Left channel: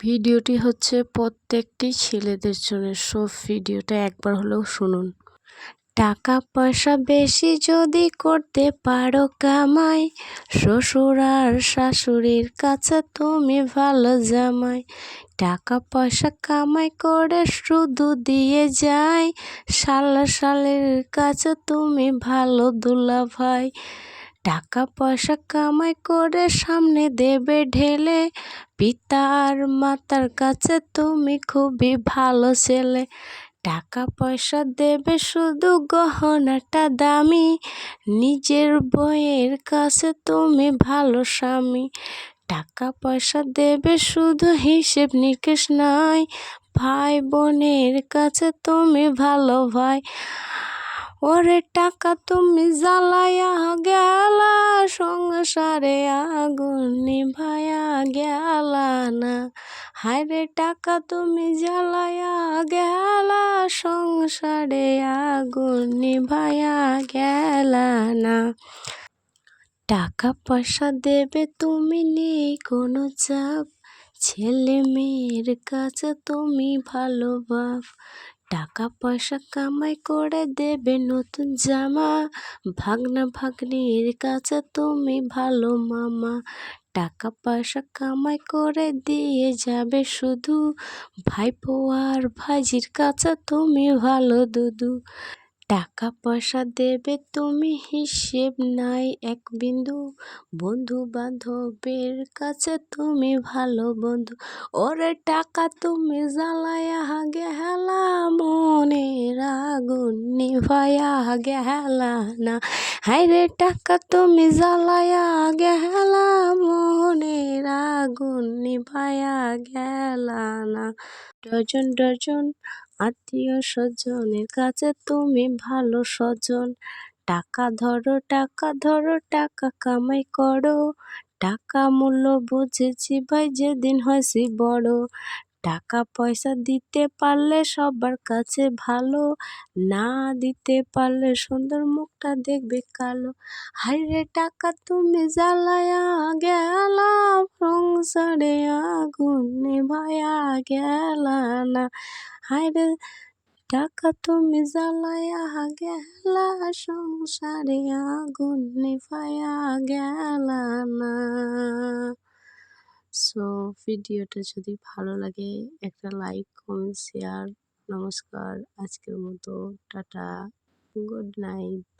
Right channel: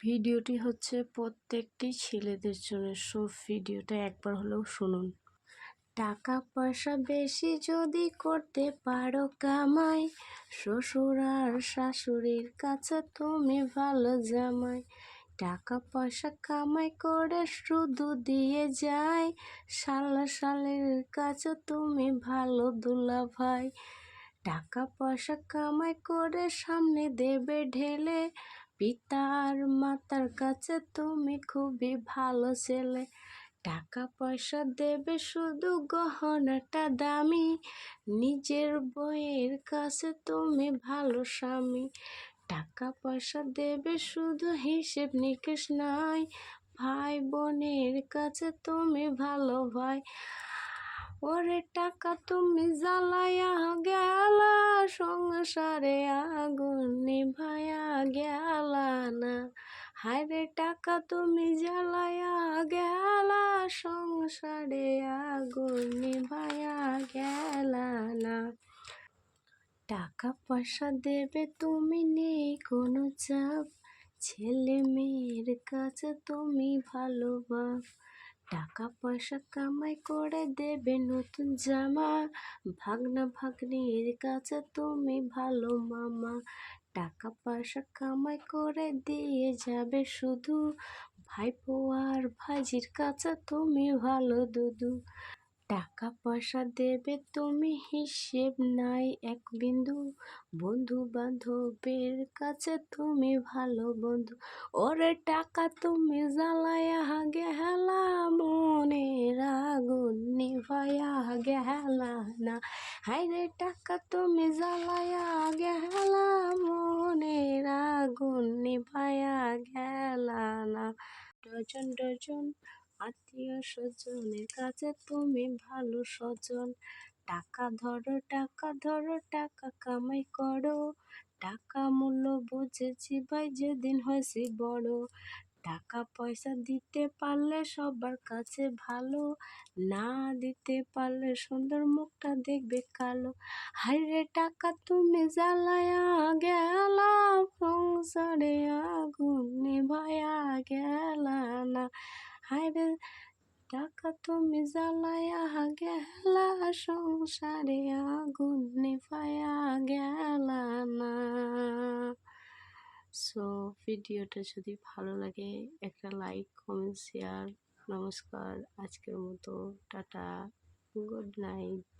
ভিডিওটি হচ্ছে প্রত্যেকটি ছেলেদের জন্য। সব ভিডিওটা একবার হলেও শুনুন। টাকা পয়সা বেশি যদি করতে পারো কামাই, শ্বশুর আর শাশুড়ির কাছে তুমি ভালো জামাই। টাকা পয়সা কামাই করে শুধু দিয়ে যায়, শালা শালের কাছে তুমি ভালো দুলাভাই। টাকা পয়সা কামাই করে সামনে দেবে ঢেলে, পিতা আর মাতার কাছে তুমি খুবই ভালো ছেলে। টাকা পয়সা দেবে শুধু গহনাটা দামি, নিজের বইয়ের কাছে তুমি ভালো স্বামী। টাকা পয়সা দেবে শুধু হিসেব নিকেশ নাই, ভাই বোনের কাছে তুমি ভালো ভাই। ওরে টাকা তুমি জ্বালায়া গেলা, সংসারে আগুন নিভায়া গেলা না। হায়রে টাকা তুমি জ্বালায়া গেলা, সংসারে আগুন নিভায়া গেলা না। টাকা পয়সা দেবে তুমি নেই কোনো চাপ, ছেলে মেয়ের কাছে তুমি ভালো বাপ। টাকা পয়সা কামাই করে দেবে নতুন জামা, ভাগনা ভাগ্নির কাছে তুমি ভালো মামা। টাকা পয়সা কামাই করে দিয়ে যাবে শুধু, ভাইপো আর ভাইজির কাছে তুমি ভালো দুদু। টাকা পয়সা দেবে তুমি হিসেব নাই এক বিন্দু, বন্ধু বান্ধবের কাছে তুমি ভালো বন্ধু। ওরে টাকা তুমি জ্বালায়া গেলা, মনের আগুন নিভায়া গেলা না। হায়রে টাকা তুমি জ্বালায়া গেলা, মনের আগুন নিভায়া গেলা না। ডজন ডজন আত্মীয় স্বজনের কাছে তুমি ভালো স্বজন। টাকা ধরো টাকা ধরো টাকা কামাই করো, টাকা মূল্য বুঝেছি ভাই যেদিন হয়েছি বড়। টাকা পয়সা দিতে পারলে সবার কাছে ভালো, না দিতে পারলে সুন্দর মুখটা দেখবে কালো। হায়রে টাকা তুমি জ্বালায়া গেলা, সংসারে আগুন নিভায়া গেলা না। হায়রে টাকা তুমি জ্বালায়া গেলা, সংসারে আগুন নিভায়া গেলা না। সো ভিডিওটা যদি ভালো লাগে একটা লাইক, কমেন্ট, শেয়ার। নমস্কার, আজকের মতো টাটা, গুড নাইট।